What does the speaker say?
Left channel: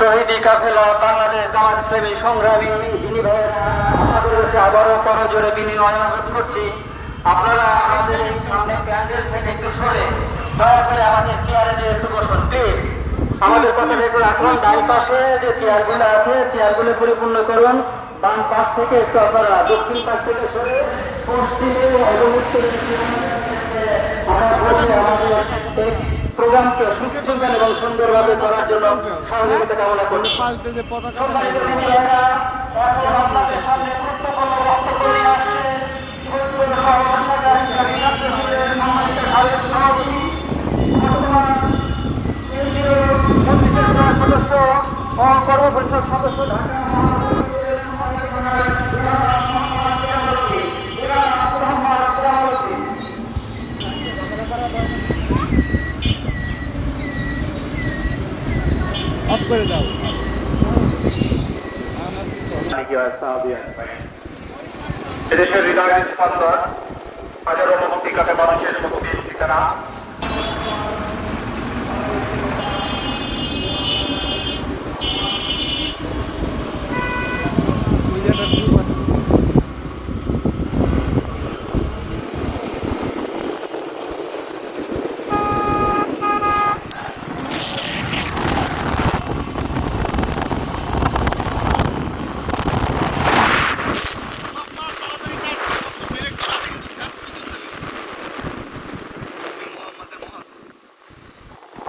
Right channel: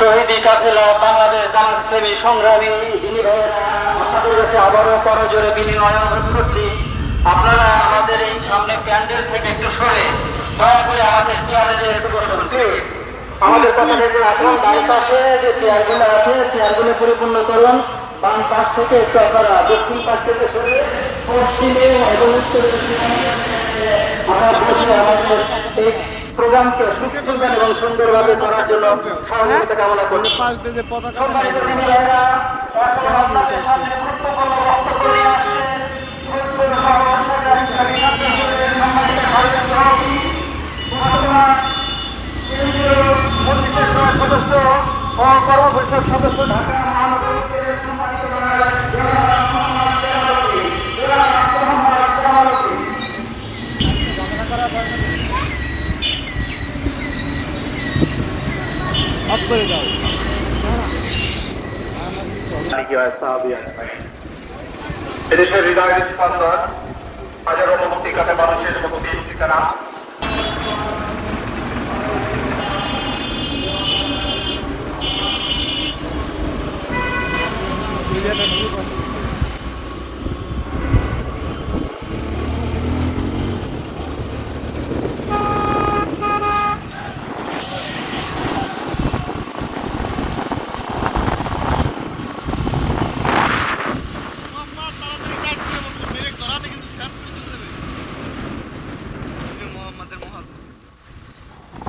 শহীদি কাফেলা বাংলাদেশ জামাত ইসলামী সংগ্রামী ভাইয়েরা আপনাদের কাছে আবারও করে জোরে বিনিময় করছি। আপনারা আমাদের এই সামনে ক্যান্ডেল থেকে একটু সরে, দয়া করে আমাদের চেয়ারে যে একটু বসুন আমাদের কথাটা একটু রাখুন ডান পাশে যে চেয়ারগুলো আছে চেয়ারগুলো পরিপূর্ণ করুন। বাম পাশ থেকে একটু আপনারা দক্ষিণ পাশ থেকে সরে, পশ্চিমে এবং উত্তরে আমরা বলছি আমাদের প্রোগ্রামকে সুস্থভাবে এবং সুন্দরভাবে করার জন্য সহযোগিতা কামনা করি পাশ দিয়ে পতাকা সদস্য কর্মপরিষদ সদস্য ঢাকা অফ করে দাও এদেশের হৃদয়ের স্পন্দন হাজারো মুক্তিকাতা মানুষের মুক্তির ঠিকানা ওই জায়গাটা খুব ভালো।